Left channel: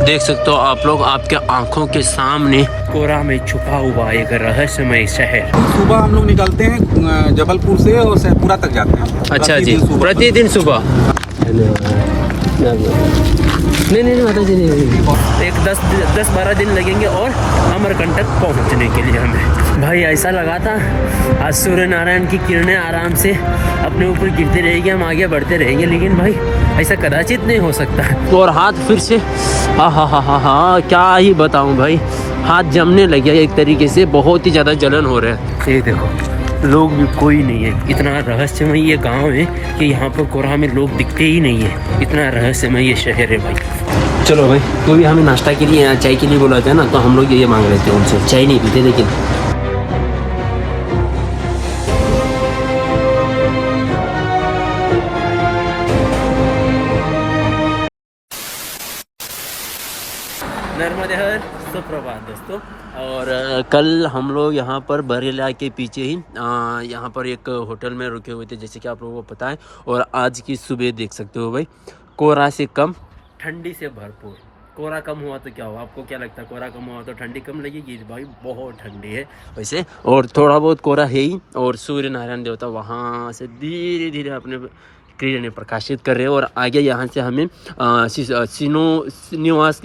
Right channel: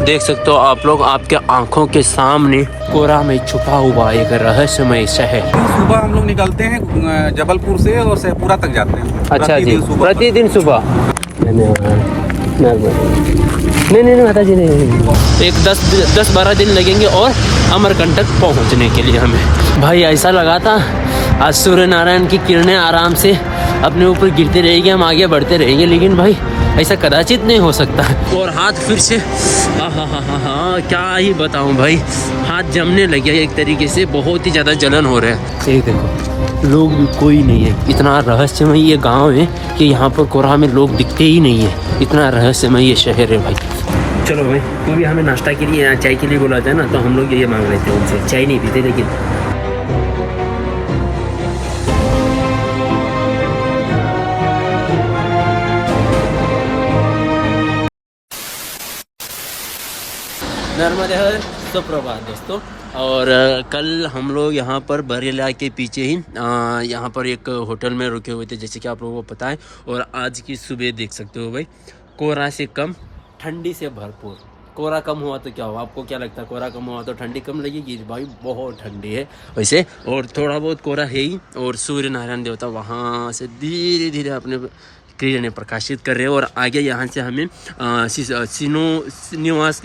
देख सकते हो आप लोग, आपके आंखों के सामने कोहरा में छुपा हुआ एक रहस्यमय शहर। सुबह हम लोग निकलते हैं जबलपुर से और शेखपुरा तक जाते हैं। अच्छा जी, प्रतिदिन सुबह? नहीं माता जी, नहीं। एक 10-12 दिन लगेंगे और अमरकंटक पहुंचने के लिए हमें। भाई ऐसा लगा था आज सूर्य नारायण की किरणें आराम से अपने ऊपर गिरते रहेंगे, हम आगे बढ़ते रहेंगे, लेकिन भाई ऐसा कदाचित नहीं हो सकता। और हाथ फिर से हाँ, क्या ही बताऊं भाई, हाथ जमने लगे एक तरीके से, बहुत ही ज़्यादा जलन हो रहा है। ये देखो, लोग भी कोई नहीं है। इतना रहस्यमय ये गांव है कि यहाँ पर कोहरा में लोग दिखते ही नहीं है। इतना रहस्यमय ये शहर है भाई। चलो भाई, क्योंकि हमें नाश्ता के लिए या चाय के लिए बोला था ना, तो हम लोग ये मांग रहे थे उनसे। चाय नहीं पीते लेकिन नर्मदे हर सुप्रभात दोस्तों। और कल हम लोग यहाँ पर बरेला के पीछे ही यहाँ पर एक होटल में रुके हुए थे, जैसे कि आप लोगों को पता है। और आज की सुबह देख सकते हो भाई, कोहरा से कम, ठंडी से भरपूर। कोहरा कम हुआ तो क्या हुआ? आपको क्या लगता है? कोहरा कम हुआ तो ठंडी कम लगेगी? भाई बहुत ठंडी है वैसे, और थोड़ा बहुत कोहरा है ही। और सूर्य नारायण देवता वहाँ से धीरे धीरे अपने किरणें प्रकाशित कर रहे हैं। और आगे यहाँ से हमें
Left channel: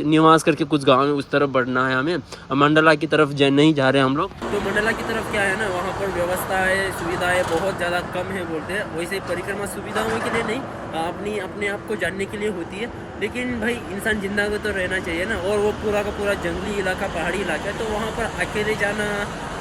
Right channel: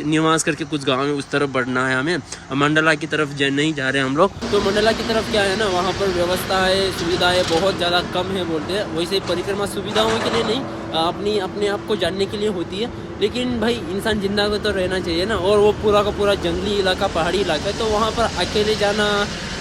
निवास करके कुछ गांव में उस तरफ बढ़ना है हमें। मंडला की तरफ नहीं जा रहे हैं हम लोग। तो मंडला की तरफ क्या है ना, वहाँ पर व्यवस्था है, सुविधाएं बहुत ज़्यादा कम है बोलते हैं। वैसे परिक्रमा सुविधाओं के लिए नहीं, अपने आप को जानने के लिए होती है। लेकिन भाई इंसान जिंदा को तो रहना चाहिए ना। और वो पूरा का पूरा जंगली इलाका, पहाड़ी इलाका है, तो वहाँ पर अकेले जाना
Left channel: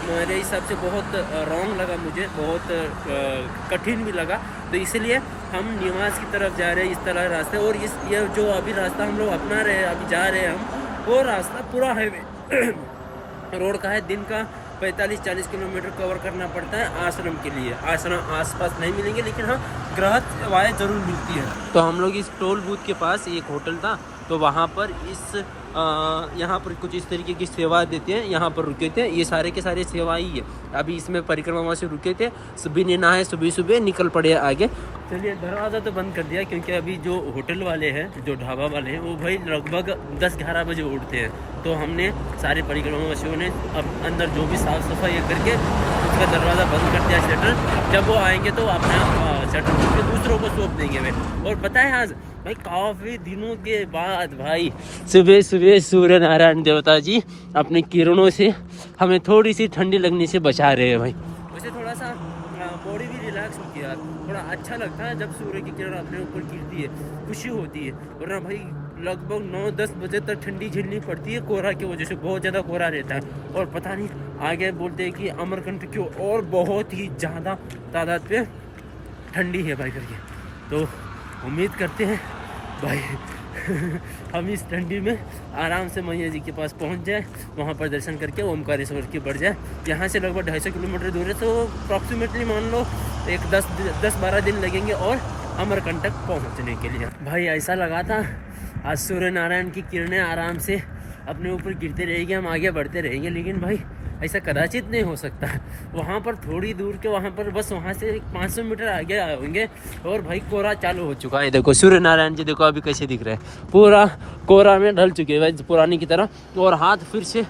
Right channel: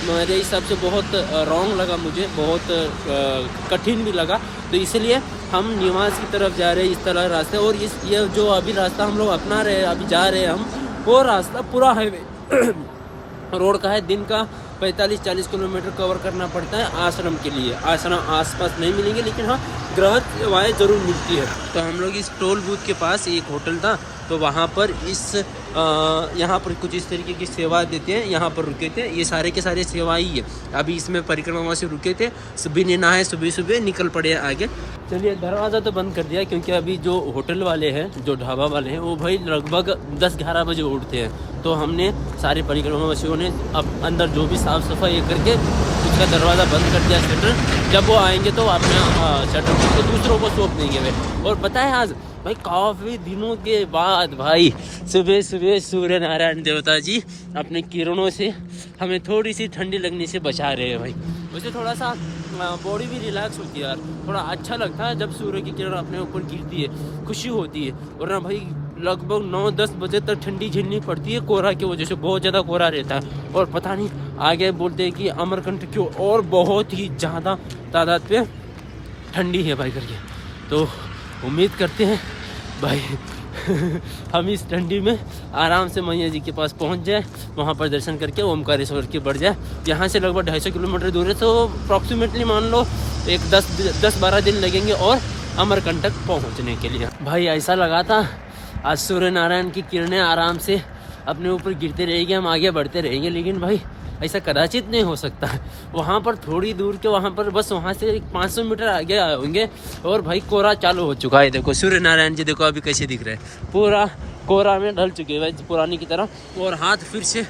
मेरे हिसाब से बहुत रॉन्ग लगा मुझे, बहुत कठिन भी लगा। तो इसलिए हम निवास की तरफ जा रहे हैं, इस तरह रास्ते। और ये जो अभी रास्ता हम लोग अपना रहे हैं, अभी जा रहे हैं हम, वो रास्ता पूरा हाईवे रोड का है। दिन का 45-40 किलोमीटर कवर करना पड़ता है आश्रम के लिए। आश्रम आसपास नहीं मिलेंगे, लेकिन हाँ ग्रह सेवाएँ जरूर मिलती है। तो हम लोग इस टोल बूथ के पास एक होटल था, तो वहाँ पर यहाँ पर कुछ इस तरीके की सेवा देते हैं। यहाँ पर रुके थे, ये सारे के सारे सेवा ही है। अभी इसमें परिक्रमा से रुके थे, सुबह ने नहाए, सुबह निकल पड़े आगे। चलिए, दरवाज़ा तो बंद कर दिया, क्योंकि अभी जो होटल वाले हैं, जो ढाबा वाले हैं, वो भाई लगभग 10-11 बजे उठते हैं। तो हमने सारे परिक्रमावासियों ने अब अंदर जो भी साफ़ सफाई करके उसका दरवाज़ा बंद कर दिया, शटर। जब वो आएंगे तो अपना शटर के दूसरों को सौंप देंगे भाई। और पता है आज भाई काफ़ी दिनों के बाद भाई सुबह सूर्य नारायण देवता जी अपने किरणों से हमें थोड़ी सी ठंडी लगने से बचा रहे हैं भाई। वैसे थोड़ा सा बॉडी भी रिलैक्स होती है यार, थोड़ा अच्छा लगता है जब सूर्य की किरण अपने ऊपर गिरती है, खुशी होती है। वरना भाई लगभग 9-10 बजे तक ठंडी झेलनी पड़ती है कोहरा की वजह से, बहुत ज़्यादा कोहरा रहता है। और पता नहीं, आगे बोलते हैं कि अमरकंटक की और बहुत ही ज़्यादा तादाद पे ठंडी है भाई करके। तो उम्मीद करते हैं भाई हम इस ठंडी में आराम से मैया जी के पास पहुंच जाए, वहां पर दर्शन करके ओमकारेश्वर की बढ़ जाए। यहाँ से लगभग 250 किलोमीटर दूर है, तो अप्रॉक्सीमेटली मान लो एक 10-12 दिन लगेंगे और अमरकंटक पहुंचने के लिए। भाई ऐसा लगा था आज सूर्य नारायण की किरणें आराम से अपने ऊपर गिरते रहेंगे, हम आगे बढ़ते रहेंगे, लेकिन भाई ऐसा कदाचित नहीं हो सकता। वहाँ पर थोड़ी दूर के, वहाँ पर बस वहाँ से 500 मीटर आगे होंगे और भाई कोहरा चालू हो चुका है। देखो सूर्य नारायण जी, देखो अभी कैसे दिख रहे हैं, पूरा कोहरा में ढल चुके हैं भाई पुरानी की तरह। और हाथ फिर से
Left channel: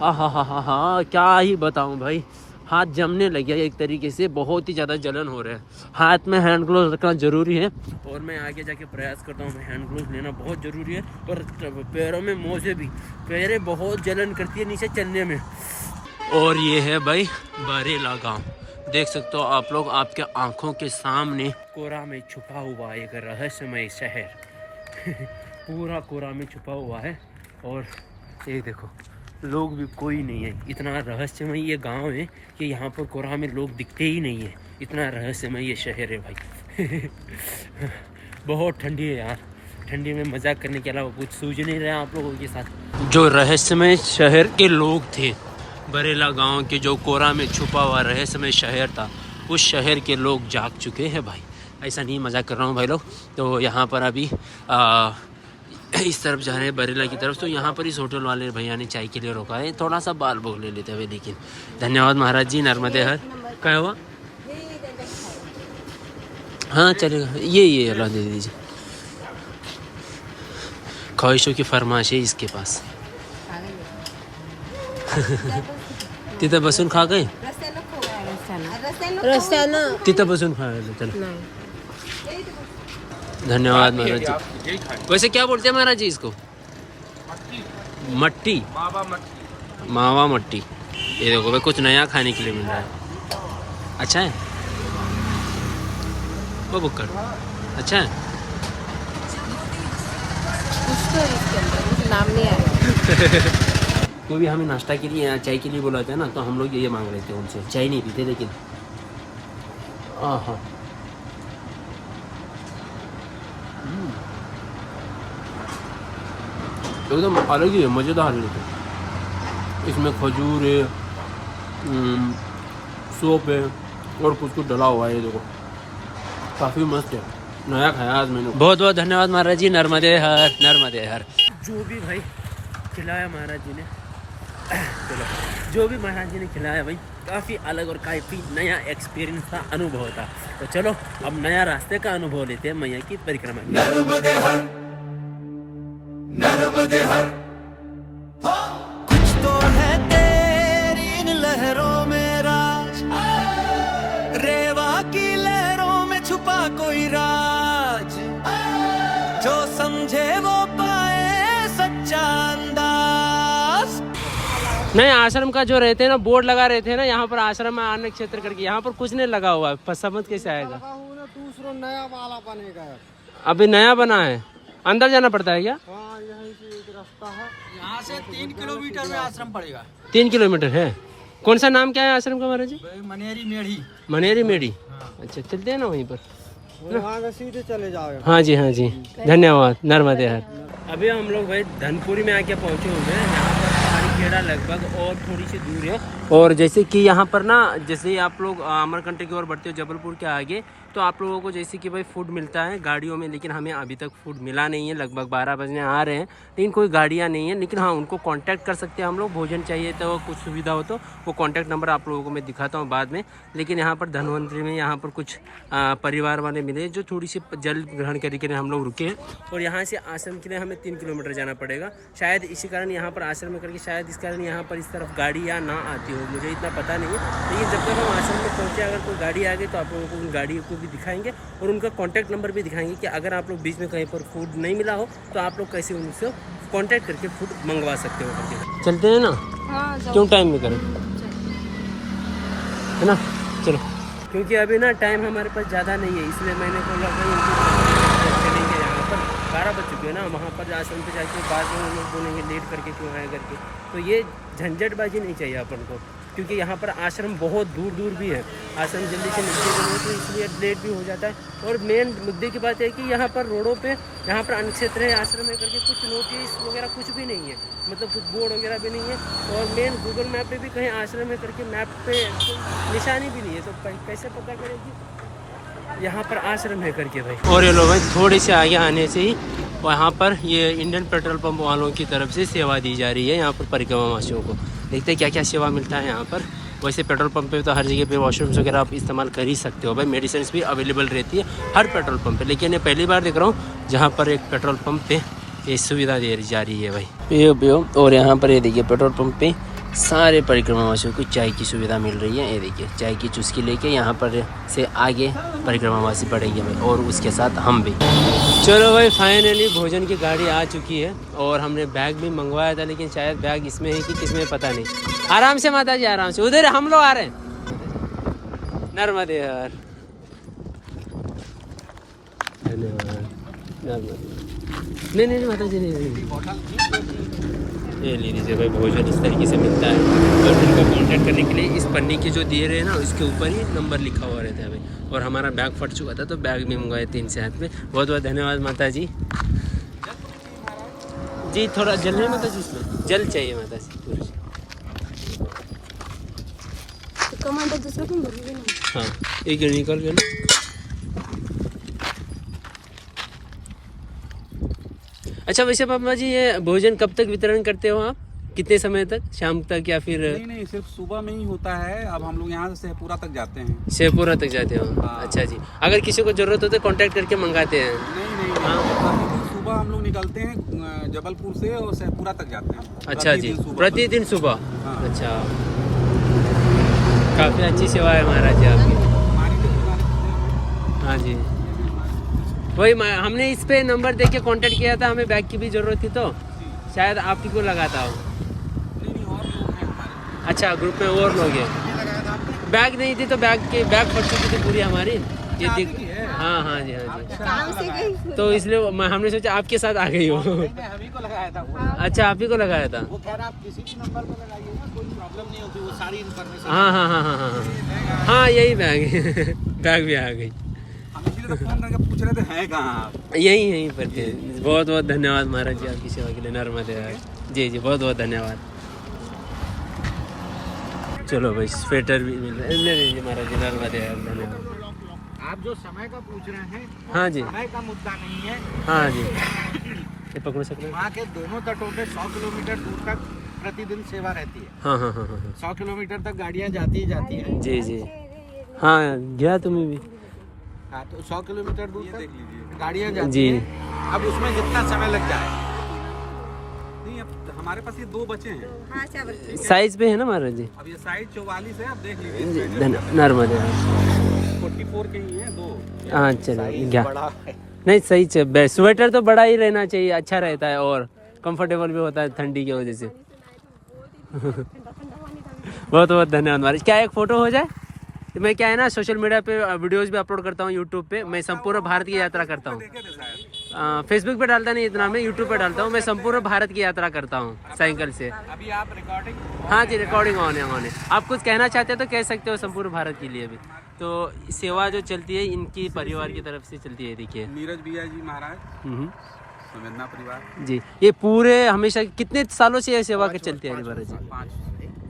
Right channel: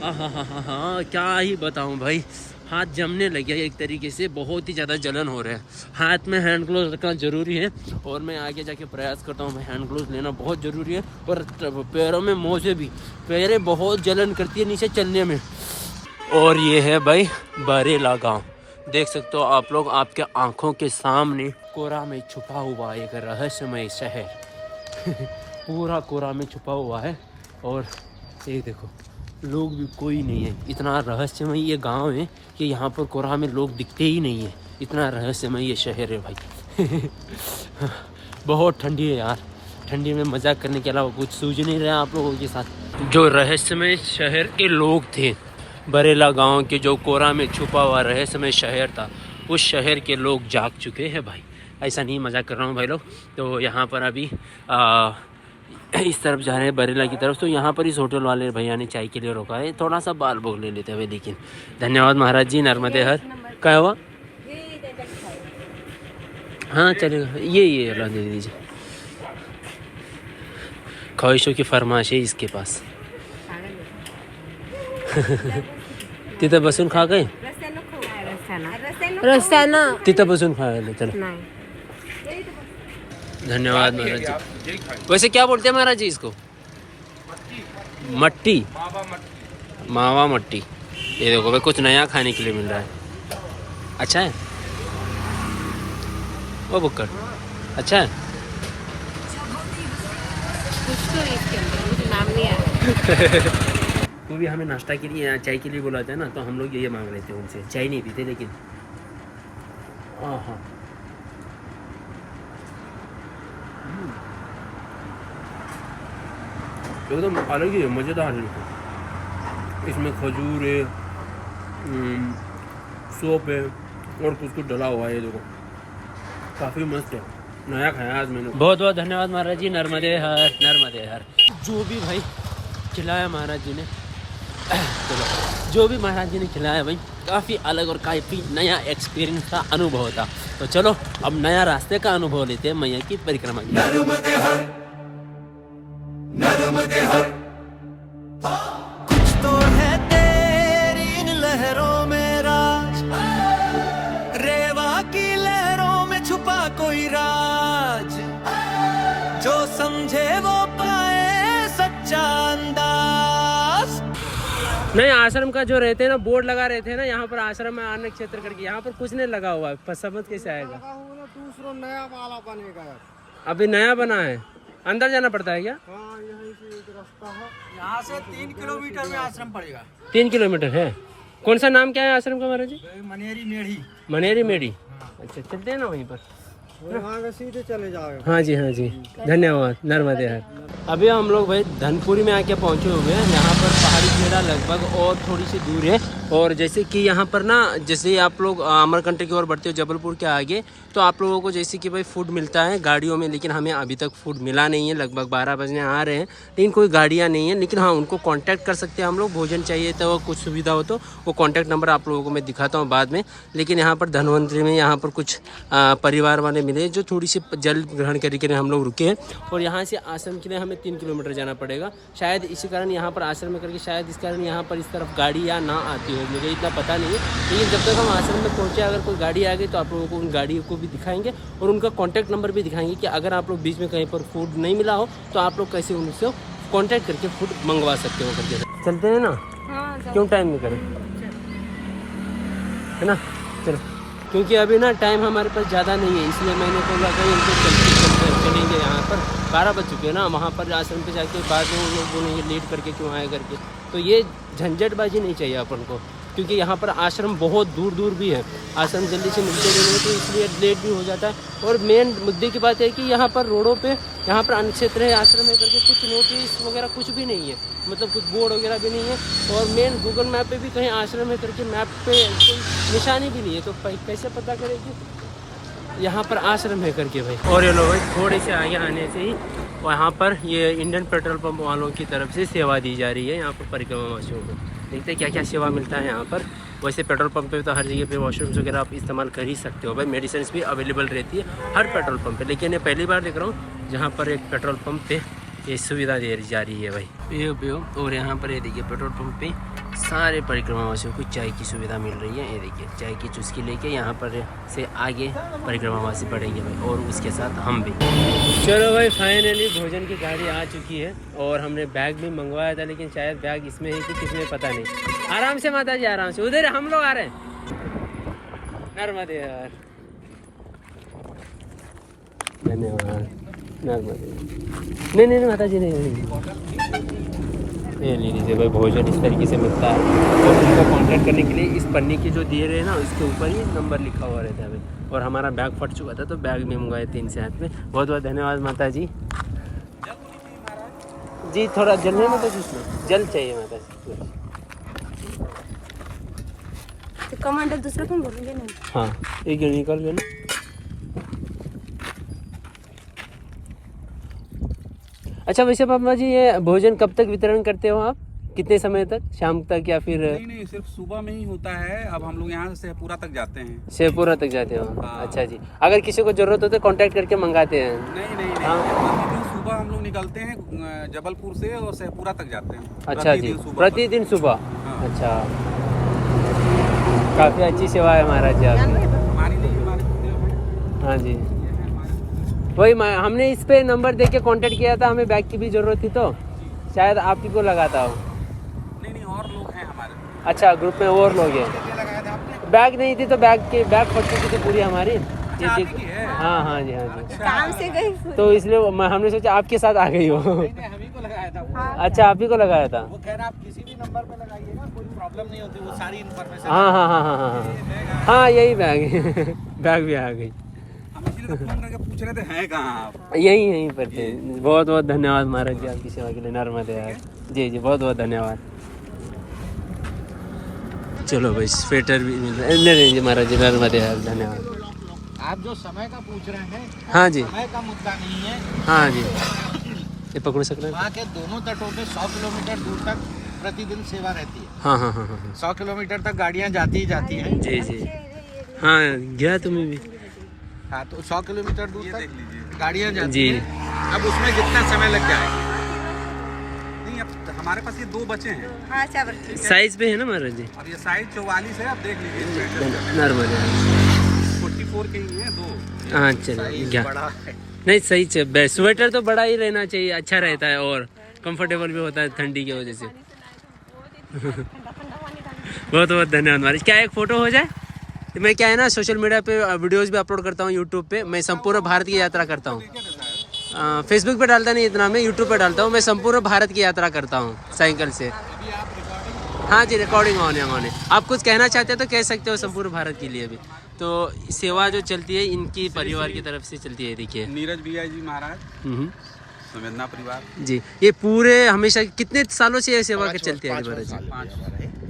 हाँ, क्या ही बताऊँ भाई, हाथ जमने लगे एक तरीके से, बहुत ही ज़्यादा जलन हो रहा है। हाथ में हैंड ग्लोव रखना ज़रूरी है, और मैं आगे जाके प्रयास करता हूँ, हैंड ग्लोव लेना बहुत ज़रूरी है। और पैरों में मोजे भी, पैरें बहुत जलन करती है नीचे चलने में। और ये है भाई बरेला गांव, देख सकते हो आप लोग, आपके आंखों के सामने कोहरा में छुपा हुआ एक रहस्यमय शहर पूरा कोहरा में छुपा हुआ है। और ये देखो, लोग भी कोई नहीं है। इतना रहस्यमय ये गांव है कि यहाँ पर कोहरा में लोग दिखते ही नहीं है। इतना रहस्यमय ये शहर है भाई बहुत ठंडी है यार, ठंडी में मजाक करने के अलावा कुछ सूझ नहीं रहा आप लोगों के साथ। जो रहस्यमय शहर के लोग थे, बरेला गांव के, जो कोहरा में छुपा हुआ रहस्यमय शहर था, उस शहर के लोग जाग चुके हैं भाई। ऐसा नहीं मजाक कर रहा हूँ भाई लोग। तो यहाँ पर अभी इस तरफ जा रहे हैं बरेला की तरफ। तो यहाँ पर इस होटल वाले भैया ने चाय के लिए रोका है, थोड़ा सा बाल भोग ले लेते हुए। लेकिन धन्यवाद महाराज जी, नर्मदे हर। क्या हुआ? हाँ चलेगा, ये अल्लाह दे दीजिए। ख्वाहिशों की फरमाइश है इसके पास। तिथं बसून खा गए, तिथं बसून खा गए। चलो धन्यवाद महाराज जी। वैसे क्या बोलते हैं महाराज जी इसको? मट्टी, मावा मट्टी। ये देखो भाई कुछ नया खाने के लिए मिल रहा है। अच्छा है वो बुक्कर, अच्छा है। नाम नहीं आया। क्योंकि हमें नाश्ता के लिए चाय के लिए बोला था ना, तो हम लोग ये मांग रहे थे उनसे। चाय नहीं पीते लेकिन हाँ एकदम अलग ही है, मज़ेदार है। तो इसमें खजूर है, सोप है और कुछ कुछ डला हुआ है। ये देखो काफ़ी मस्त है, नया खाया आज मैंने। बहुत बहुत धन्यवाद महाराज जी। नर्मदे हर, नर्मदे हर। जो भी भाई खिलाया महाराज जी ने, चलो जो भी महाराज जी ने खिलाया भाई काफ़ी अलग और काफ़ी नया एक्सपीरियंस का अनुभव था। तो चलो अब नया रास्ते का अनुभव लेते हैं मैया की परिक्रमा की। नर्मदे हर, नर्मदे हर। कुछ तो है तेरी इन लहरों में राज, रेवा की लहरों में छुपा कोई राज, जो समझे वो पाए सच्चा अंदाज। नहीं, आश्रम का जो रहते हैं ना बोर्ड लगा रहते हैं ना, यहाँ पर आश्रम में आने क्षेत्र करके, यहाँ पर कुछ नहीं लगा हुआ है। समझ कैसे आएगा? दूसरा नया वाला बनेगा यार, अभी नया बना है। अंदर जाना पड़ता है क्या? हाँ यहीं से एक रास्ता है, यहाँ से 3 किलोमीटर में आश्रम पड़ेगा। 3 किलोमीटर है। कौन सा नाम क्या है आश्रम का महाराज जी? मनेरी मेढ़ी। मनेरी मेढ़ी। हाँ। अच्छा चलते हैं ना वहीं पर, वहाँ से सीधे चले जाओगे। हाँ जी हाँ जी, धन्यवाद। नर्मदे हर। अभी हम लोग भाई धनपुरी में आके पहुंचे हुए हैं। यहाँ पर पहाड़ी खेड़ा लगभग और थोड़ी सी दूर है। और जैसे कि यहाँ पर ना, जैसे ही आप लोग अमरकंटक की ओर बढ़ते हो जबलपुर के आगे, तो आप लोगों को जैसे कि भाई फूड मिलता है गाड़ियों में, लेकिन हमें अभी तक फूड मिला नहीं है। लगभग 12 बजने आ रहे हैं लेकिन कोई गाड़ियाँ नहीं है। लेकिन हाँ, उनको कांटेक्ट कर सकते हैं हम लोग। भोजन चाहिए तो कुछ सुविधा हो तो वो कांटेक्ट नंबर आप लोगों को मैं दिखाता हूँ बाद में। लेकिन यहाँ पर धनवंतरी में यहाँ पर कुछ परिवार वाले मिले जो थोड़ी सी जल ग्रहण करके हम लोग रुके हैं। और यहाँ से आश्रम के लिए हमें 3 किलोमीटर जाना पड़ेगा। शायद इसी कारण यहाँ पर आश्रम में करके, शायद इस कारण यहाँ पर इस तरफ गाड़ी या ना आती हो, मुझे इतना पता नहीं है। लेकिन जब तक हम आश्रम में पहुँचे, अगर कोई गाड़ी आ गई तो आप लोगों को उन गाड़ी को भी दिखाएंगे और उनका कॉन्टैक्ट नंबर भी दिखाएंगे कि अगर आप लोग बीच में कहीं पर फूड नहीं मिला हो तो आप लोग कैसे उनसे कॉन्टैक्ट करके फूड मंगवा सकते हो करके। चलते हैं ना? हाँ, क्यों टाइम में करें, है ना? चलो, क्योंकि अभी ना टाइम हमारे पास ज़्यादा नहीं है, इसलिए मैंने बोला कि उनको चलेंगे। यहाँ पर 12 बज चुके हैं ना, वहाँ पर आश्रम पे जाके बाद में उन लोग बोलेंगे लेट करके क्यों आए करके। तो ये झंझटबाजी नहीं चाहिए अपन को, क्योंकि यहाँ पर आश्रम बहुत दूर दूर भी है। आश्रम जल्दी से मिलते भी नहीं, तो इसलिए लेट भी हो जाता है। और मेन मुद्दे की बात है कि यहाँ पर रोडों पे, यहाँ पर अन्य क्षेत्र है आश्रम है करके कुछ नोटिस वगैरह कुछ भी नहीं है, मतलब कुछ बोर्ड वगैरह भी नहीं है। और मेन गूगल मैप पे भी कहीं आश्रम है करके मैप पे कोई निशानी भी नहीं है, तो कैसे पता करेगी यहाँ पर आश्रम है करके भाई। और ये लोग भाई थोड़े से आगे आने से ही वहाँ पर ये इंडियन पेट्रोल पंप वालों की तरफ से सेवा दी जा रही है यहाँ पर परिक्रमावासियों को। देखते हैं क्या क्या सेवा मिलता है यहाँ पर। वैसे पेट्रोल पंप पे तो हर जगह पे वॉशरूम्स वगैरह आप इस्तेमाल कर ही सकते हो भाई। मेडिसिन भी अवेलेबल रहती है हर पेट्रोल पंप पे, लेकिन ये पहली बार देख रहा हूँ जहाँ पर एक पेट्रोल पंप पे ये सुविधा दे जा रही है भाई। ये और यहाँ पर ये देखिए पेट्रोल पंप पे सारे परिक्रमावासियों को चाय की सुविधा मिल रही है। ये देखिए चाय की चुस्की लेके यहाँ पर से आगे परिक्रमावासी बढ़ेंगे भाई, और उसके साथ हम भी। चलो भाई फाइनली भोजन की गाड़ी आ चुकी है और हमने बैग भी मंगवाया था, लेकिन शायद बैग इसमें है कि किसमें पता नहीं। आराम से माता जी, आराम से। उधर हम लोग आ रहे हैं। नर्मदे यार, धन्यवाद। नर्मदे नहीं माता जी नहीं। ये ले लीजिए भाई, भोजन इस तरीके से मिलता है। और उनको कांटेक्ट करने के लिए इस पन्नी के जो दिए रहे हैं ना, उसके ऊपर ही नंबर लिखा हुआ रहता है भाई। और हमारा बैग फट चुका था तो बैग भी मंगवाए 3 से हाथ में। बहुत बहुत धन्यवाद माता जी। जी थोड़ा जल नहीं माता जी, इसमें जल चाहिए माता जी पूरी। कमांडर दूसरा कौन बोलेंगे ना? हाँ एक निकल गया ना। अच्छा वैसे पापा जी, ये भोजन कब तक वितरण करते हो आप? कितने समय तक, शाम तक या फिर? नहीं सिर्फ सुबह में ही होता है। अब हम लोग यहाँ से शेखपुरा तक जाते हैं। शेखपुरा तक जाते हो? हाँ। अच्छा जी, अगर किसी को जरूरत हो तो कांटेक्ट करके मंगाते हैं? नहीं हाँ। प्रतिदिन सुबह हम लोग निकलते हैं जबलपुर से और शेखपुरा तक जाते हैं। अच्छा जी, सुबह। प्रतिदिन सुबह। हाँ। अच्छा, काफ़ी अच्छी सेवा है महाराज जी आपकी। हमारी नहीं, हमारे कुत्ते हाँ जी, वही हमने इस पे नंबर देख के कांटेक्ट किया था, हमें बैग की भी ज़रूरत थी तो शायद आप ही को लगाता हो। नहीं और लोग हैं हमारे। अच्छा, ग्रुप में और लोग हैं। कितने लगाया था आपने? बैग नहीं थी तो बैग फट चुकी थी पूरी हमारी। ये आप देख, ही की है? हाँ हाँ जी, हाँ जी। काम से गई। तो इसलिए हमने सोचा आपके साथ आ गई हो। नहीं, हम ही को लगाया था वो। अच्छा, आप ही को लगाया था। वो कह रहा आप किसी भी नंबर पे लगाइए ना, कोई प्रॉब्लम नहीं होती, वो सारी इन्फॉर्मेशन। हाँ हाँ हाँ हाँ हाँ हाँ, यही बैग बैग भी आ गई। हम इसीलिए तो फोन करके पूछ रहे थे हैं कहाँ आप। यहीं पर थे। बहुत बहुत धन्यवाद महाराज जी आपकी सेवा के लिए। नर्मदे यार जी जी, बहुत बहुत धन्यवाद। चलो भाई, स्वेटर भी मिल रहा है। नहीं जी महाराज जी, नर्मदे यार, धन्यवाद। आप जो समय का पूछ रहे हैं, हाँ जी, समय का मुद्दा नहीं है। हाँ जी, ये पकड़ सकते हैं। वहाँ के दोनों तटों पे 100 किलोमीटर दूर तक प्रतिदिन सेवा रहती है। हाँ हाँ हाँ हाँ हाँ 100 किलोमीटर तक गाड़ियाँ जाती ही जाती हैं। जी जी, हाँ गया तुम्हें भी। हाँ, तो 100 किलोमीटर दूर ये तक देख लीजिए। गाड़ियाँ जाती जी। हैं। अब उसमें जितना समय लग जाए, नहीं अब हमारे पास ये 2 बचे हैं। हाँ, अच्छा बच्चे। साइज पे है ना महाराज जी। अब ये साइज 44 है, अब देख लीजिए। नर्मदे यार। 44 के ही है 2। हाँ चलिए, क्या बड़ा है। नहीं सही है। स्वेटर तो बड़ा ही रहना चाहिए, अच्छा रहता है और कंफर्टेबल भी होता है ठंडी की वजह से। बहुत बहुत धन्यवाद महाराज। क्या एक फ़ोटो हो जाए? तो मैं क्या है ना, सोशल मीडिया पे वीडियोस भी अपलोड करता हूँ, यूट्यूब पे। मैं संपूर्ण भारत की यात्रा करता हूँ। फेसबुक पे डालता नहीं इतना, मैं यूट्यूब पे डालता हूँ। मैं संपूर्ण भारत की यात्रा करता हूँ साइकिल से। अभी आप रिकॉर्डिंग, हाँ जी, रिकॉर्डिंग ऑन है। आप कुछ कहना चाहते हो तो कह सकते हो संपूर्ण भारत के लिए भी। तो सेवा जो चलती है इनकी परिवार की तरफ से चलती है, देखिए। नीरज भैया जी महाराज, हम्म, संवेदना परिवार जी। ये पूरे हमेशा कितने सालों से ये सेवा के चलती है महाराज जी?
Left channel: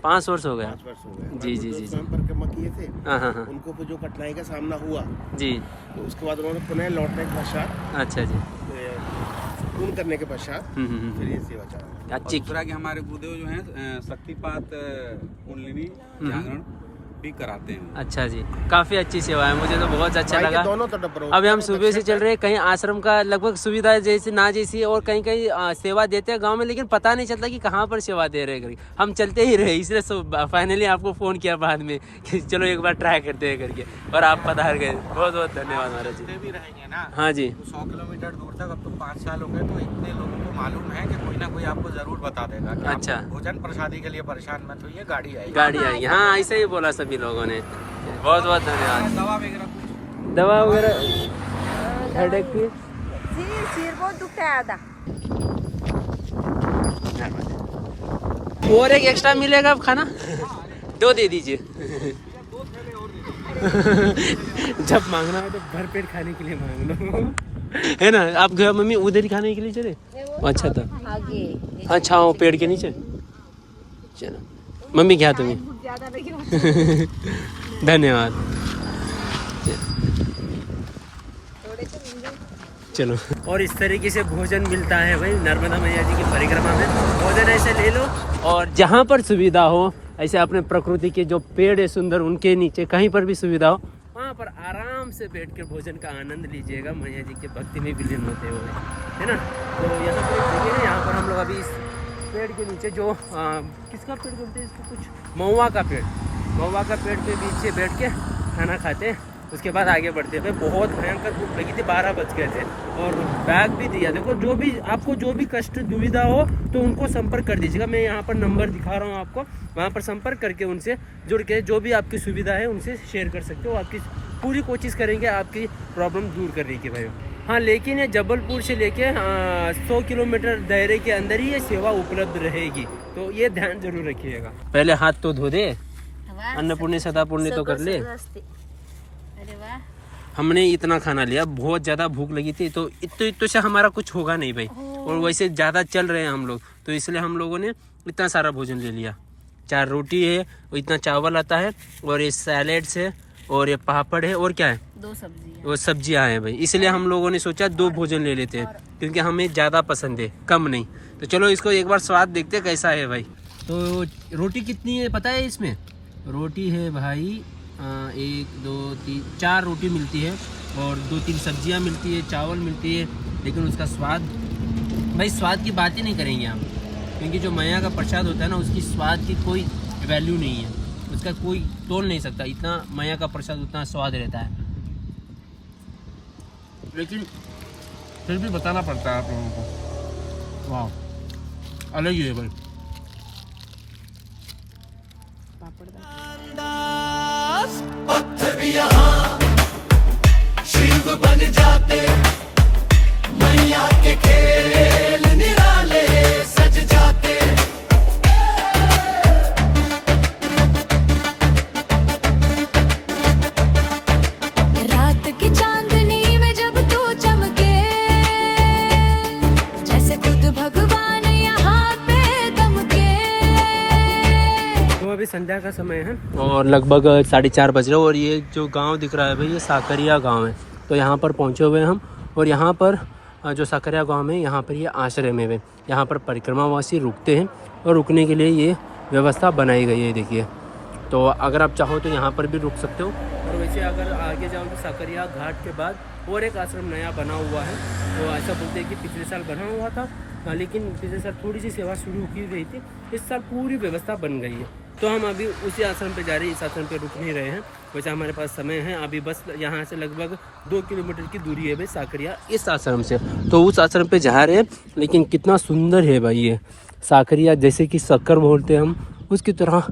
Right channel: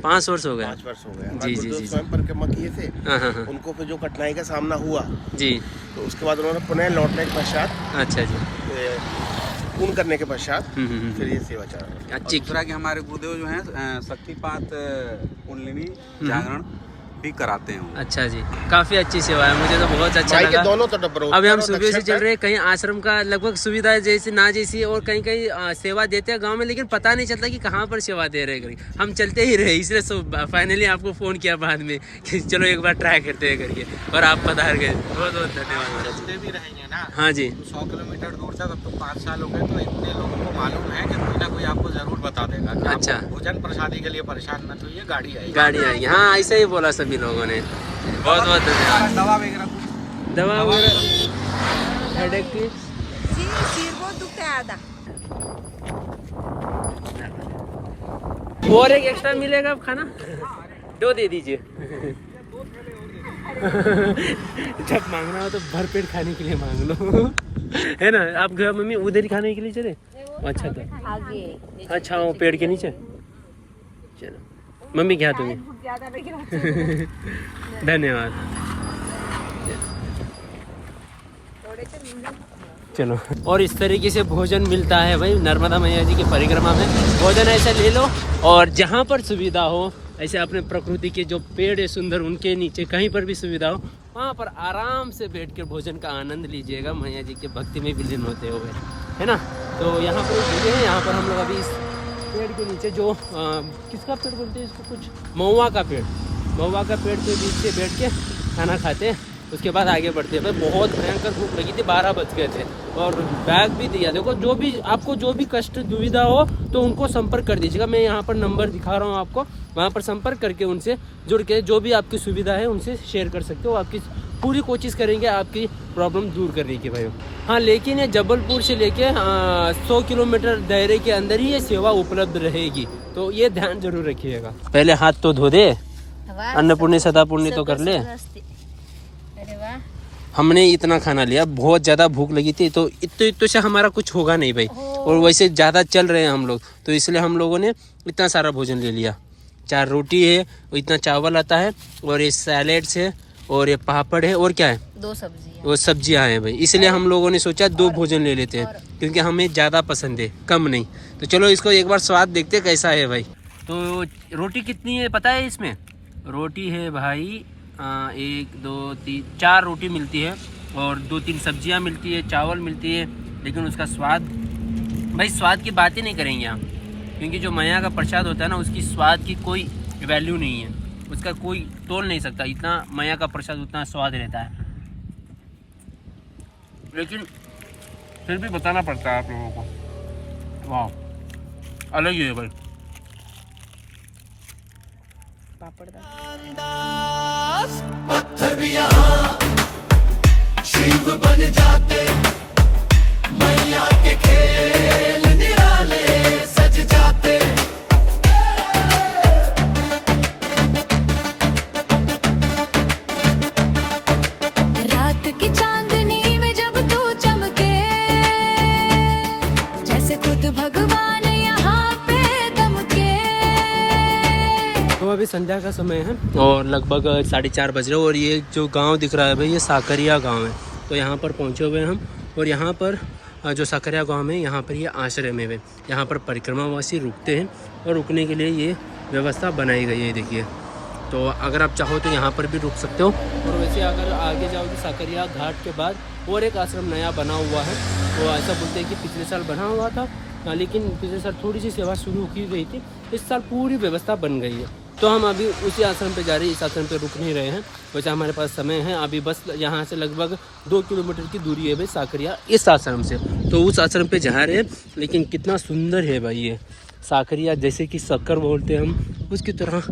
5 वर्ष हो गया। 5 वर्ष हो गए। जी, जी, जी, जी। स्वयं परिक्रमा किए थे, हाँ हाँ हाँ उनको फिर जो कठिनाई का सामना हुआ, जी। तो उसके बाद उन्होंने पुनः लौटने के पश्चात, अच्छा जी। पूर्ण करने के पश्चात हम्म। फिर ये सेवा चल रही है। और अच्छी। दूसरा कि हमारे गुरुदेव जो हैं शक्तिपात कुंडलिनी जागरण भी कराते हैं। अच्छा जी, काफ़ी अच्छी सेवा है, मुझे तो बहुत अच्छा भाई के लगा। दोनों तट पर अभी हम उत्तर और सुबह से दक्षिण चल रहे हैं, कहीं आश्रम का लगभग सुविधा जैसी ना जैसी, और कहीं कहीं सेवा देते हैं गांव में, लेकिन पता नहीं चलता कि कहाँ पर सेवा दे रहे हैं। हम चलते ही रहे, इसलिए फाइनली आपको फ़ोन किया बाद में कि चलो एक बार ट्राई करते हैं करके, और आप पधार गए। बहुत बहुत धन्यवाद महाराज जी। भी रहेंगे ना। हाँ जी, तो 100 किलोमीटर दूर तक, अब तो 5 साल हो गए, तो इतने लोगों को मालूम है कि कोई ना कोई आपको जरूर बता देगा कि अच्छा। आप भोजन प्रसादी के लिए परेशान मत होइए, गाड़ी आएगी। गाड़ी आई। हाँ, ऐसा ही बोला सभी लोगों ने। बहुत बहुत धन्यवाद। दवा वगैरह कुछ दवा वगैरह हेडेक की? सिर बहुत दुखता है आधा। और एक एक्स्ट्रा मिलेगा अब खाना? 2 दे दीजिए। जब मांगना हो तो भरपेट खाने के लिए मांग लो, है ना। आप घर मम्मी उधर ही खाने के लिए चले? अच्छा था। आगे। अच्छा, वो पेड़ के नीचे। चलो मम्मी, क्या तुम्हें? धन्यवाद। चलो, और इस तरीके से भोजन मिलता है भाई नर्मदा मैया जी की परिक्रमा में। भोजन ऐसे ले लो, और जहाँ पर सुविधा हो, ऐसे अपने प्रकृति के जो पेड़ है सुंदर, उनके नीचे कहीं पर भी सुविधा हो, वहाँ पर आराम से बैठ कर भोजन का आनंद लीजिएगा, मैया जी के भक्ति में विलीन होते हुए, है ना। तो यहाँ पर एक जगह है, यहाँ पर हम लोग अभी इस पेड़ के नीचे जो किसका पेड़ बोलते हैं इसको, कुछ महुआ का पेड़, महुआ का पेड़ पे बीच से बैठ के खाना खाते हैं। उसके बाद आगे बढ़ते हैं। भाई बहुत भयंकर भूख लगी थी, 12 बज गए थे, और बैग भी दिया। देखो, जो भी आपको जो भी कष्ट दुविधा हो तो उनको संपर्क कर दीजिएगा। मैं यहाँ पर नंबर दिखा रहा हूँ आपको, वहाँ पर संपर्क करके उनसे जुड़ के जो भी आपकी सुविधा है उनसे शेयर कर सकते हो। आपकी पूरी कोशिश करेंगे आपकी प्रॉब्लम दूर करने की भाई। हाँ, लेकिन ये जबलपुर से लेके 100 किलोमीटर दायरे के अंदर ही ये सेवा उपलब्ध रहेगी, तो ये ध्यान जरूर रखिएगा। पहले हाथ तो धो दे, अन्नपूर्णी सदापूर्णी तो कर ले। हमने इतना खाना लिया, बहुत ज़्यादा भूख लगी थी, तो इतने से हमारा कुछ होगा नहीं भाई, और वैसे ज़्यादा चल रहे हैं हम लोग, तो इसलिए हम लोगों ने इतना सारा भोजन ले लिया। 4 रोटी है, इतना चावल आता है, और ये सैलेड्स है, और ये पापड़ है, और क्या है, 2 सब्जी। वो सब्जियां हैं भाई। इसलिए हम लोगों ने सोचा 2 भोजन ले लेते हैं, क्योंकि हमें ज़्यादा पसंद है, कम नहीं। तो चलो इसको एक बार स्वाद देखते कैसा है भाई। तो रोटी कितनी है पता है इसमें? रोटी है भाई 1 2 3 4 रोटी मिलती है, और 2-3 सब्जियां मिलती है, चावल मिलती है, लेकिन उसका स्वाद भाई स्वाद की बात ही नहीं करेंगे हम, क्योंकि जो मैया का प्रसाद होता है ना उसकी स्वाद की कोई वैल्यू नहीं है, उसका कोई तोल नहीं सकता। इतना मैया का प्रसाद उतना स्वाद रहता है, लेकिन फिर भी बताना पड़ता है आप लोगों को। वाह अलग ही है भाई। अंदाज पत्थर भी यहाँ शिव बन जाते, मैया के खेल निराले सज जाते। रात की चांदनी में जब तू चमके, जैसे खुद भगवान यहाँ पे दमके। तो अभी संध्या का समय है और लगभग 4:30 बज रहे हैं, और ये जो गांव दिख रहा है भाई ये साकरिया गांव है। तो यहाँ पर पहुँचे हुए हैं हम, और यहाँ पर जो साकरिया गांव में यहाँ पर ये आश्रम है, यहाँ पर परिक्रमावासी रुकते हैं और रुकने के लिए ये व्यवस्था बनाई गई है। देखिए, तो अगर आप चाहो तो यहाँ पर भी रुक सकते हो। और वैसे अगर आगे जाओगे साकरिया घाट के बाद और एक आश्रम नया बना हुआ है, वो ऐसा बोलते हैं कि पिछले साल बना हुआ था, लेकिन पिछले साल थोड़ी सी सेवा शुरू की गई थी, इस साल पूरी व्यवस्था बन गई है। तो हम अभी उसी आश्रम पे जा रहे हैं, इस आश्रम पे रुक नहीं रहे हैं। वैसे हमारे पास समय है अभी, बस यहाँ से लगभग 2 किलोमीटर की दूरी है भाई साकरिया इस आश्रम से, तो उस आश्रम पे जा रहे हैं। लेकिन कितना सुंदर है भाई ये साकरिया, जैसे कि शक्कर बोलते हैं हम, उसकी तरह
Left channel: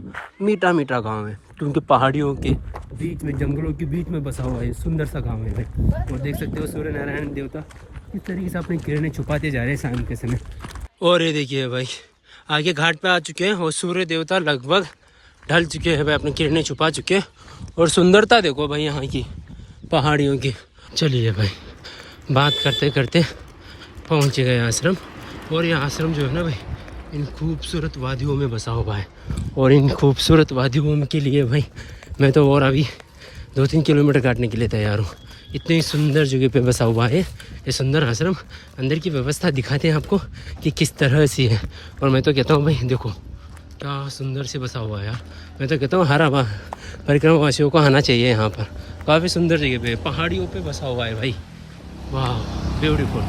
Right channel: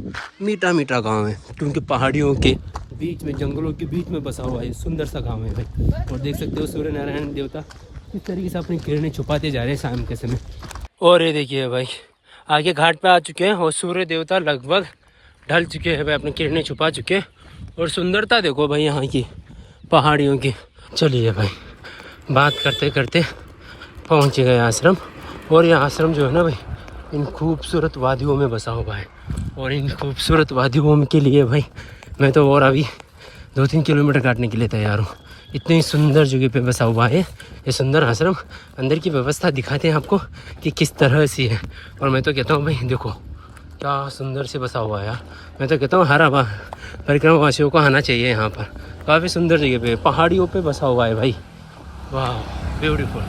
मीठा मीठा गांव है, क्योंकि पहाड़ियों के बीच में, जंगलों के बीच में बसा हुआ है सुंदर सा गांव है भाई। और देख सकते हो सूर्य नारायण देवता इस तरीके से अपनी किरणें छुपाते जा रहे हैं शाम के समय। और ये देखिए भाई आगे घाट पे आ चुके हैं और सूर्य देवता लगभग ढल चुके हैं भाई, अपनी किरणें छुपा चुके हैं। और सुंदरता देखो भाई यहाँ की पहाड़ियों की। चलिए भाई बात करते करते पहुँच गए आश्रम, और यह आश्रम जो है ना भाई इन खूबसूरत वादियों में बसा हुआ है। और इन खूबसूरत वादियों के लिए भाई मैं तो और अभी 2-3 किलोमीटर काटने के लिए तैयार हूँ। इतनी सुंदर जगह पे बसा हुआ है ये सुंदर आश्रम। अंदर की व्यवस्था दिखाते हैं आपको कि किस तरह से है। और मैं तो कहता हूँ भाई देखो क्या सुंदर से बसा हुआ है यार। मैं तो कहता हूँ हर परिक्रमावासियों को आना चाहिए यहाँ पर। काफ़ी सुंदर जगह पे पहाड़ियों पे बसा हुआ है भाई। वाह ब्यूटीफुल।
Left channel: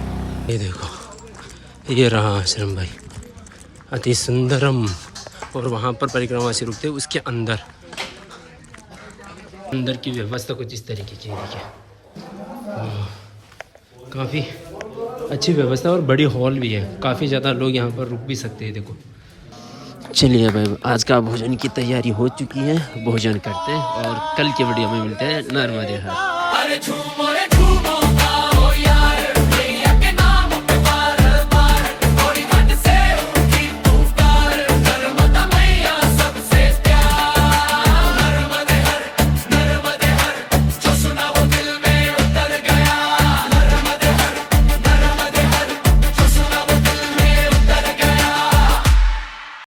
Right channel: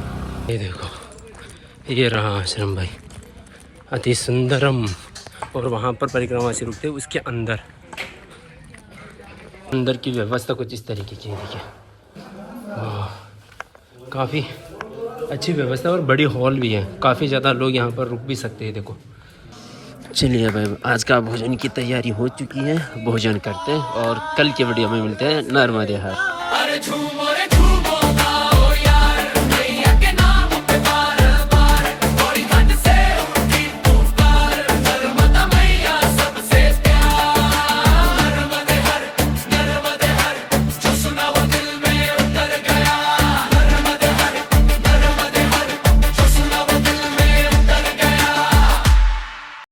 ये देखो ये रहा आश्रम भाई, अति सुंदरम। और वहाँ पर परिक्रमावासी रुकते हैं, उसके अंदर की व्यवस्था कुछ इस तरीके की है। देखिए काफ़ी अच्छी व्यवस्था और बड़ी हॉल भी है, काफ़ी ज़्यादा लोग यहाँ पर रुक भी सकते हैं। देखो चलिए भाई आज का भोजन की तैयारी हो चुकी है, भोजन करते हैं और कल के वीडियो में मिलते हैं। नर्मदे हर।